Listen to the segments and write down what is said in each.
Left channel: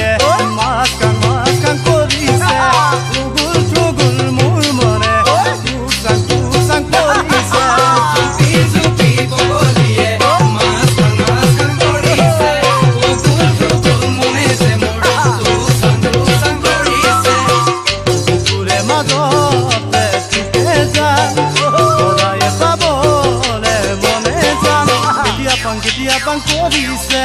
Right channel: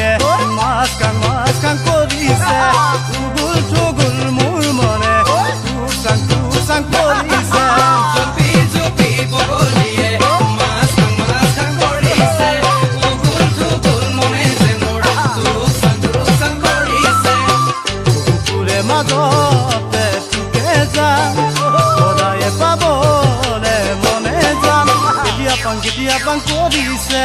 বগলীয়ে মাছ কাং কৰিছে উগুল থুগুল মোৰ মনে টুক চাং কৰিছে কুকুৰে মাজতে চুকে যান সদায়ে পাবলে মনে যান কেতিয়া পাং কৰিছে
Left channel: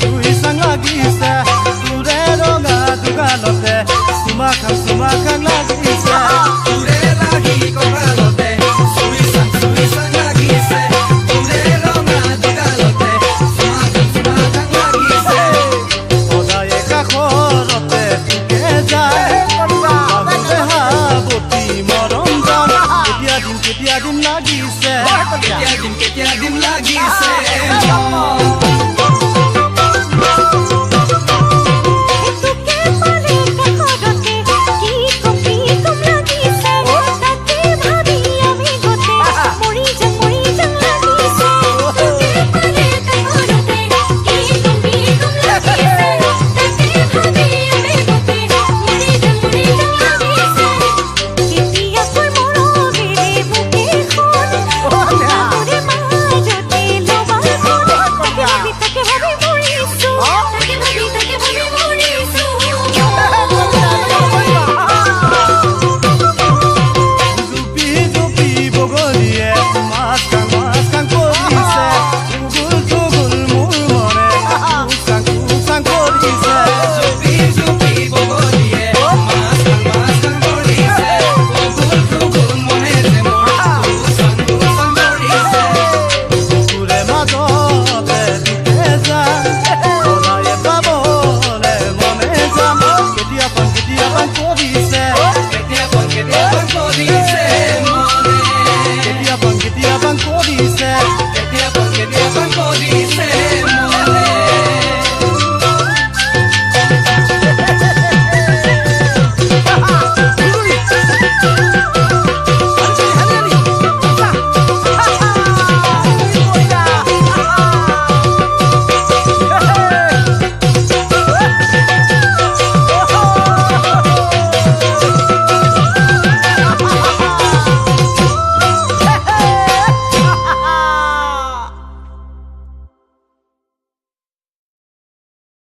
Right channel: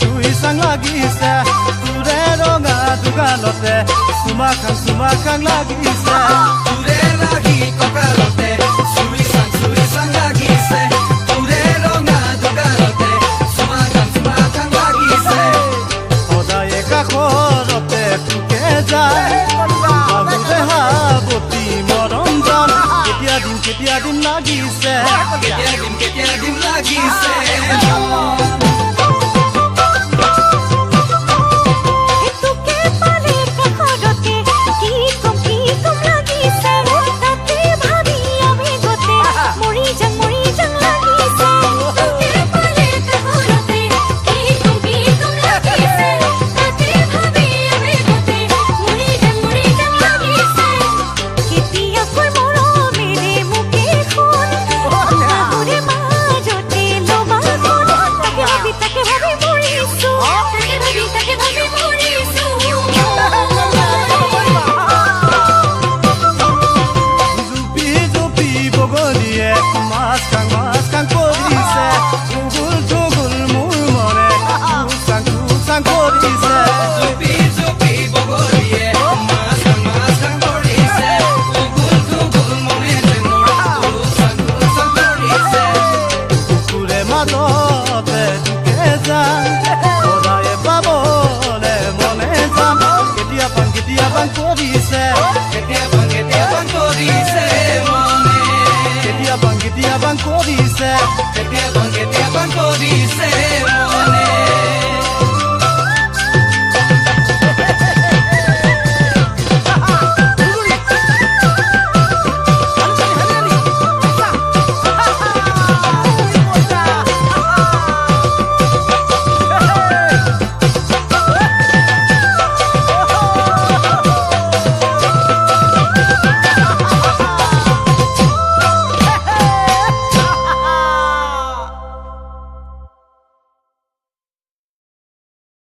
চুই চাং লাগিছে তোৰে ৰঙা দুগালতে চুমা খাং লাগিছে সদায়ে কাষৰতে তোকে যায় বাহুৰে হাবতি মৰম যান কেতিয়া দিন লাগিছে বগলীয়ে মাছ কাং কৰিছে উগুল থুগুল মোৰ মনে টুক চাং কৰিছে কুকুৰে মাজতে চুকে যান সদায়ে পাবলে মনে যাম কেতিয়া পাং কৰিছে কেতিয়া পাং কৰিছে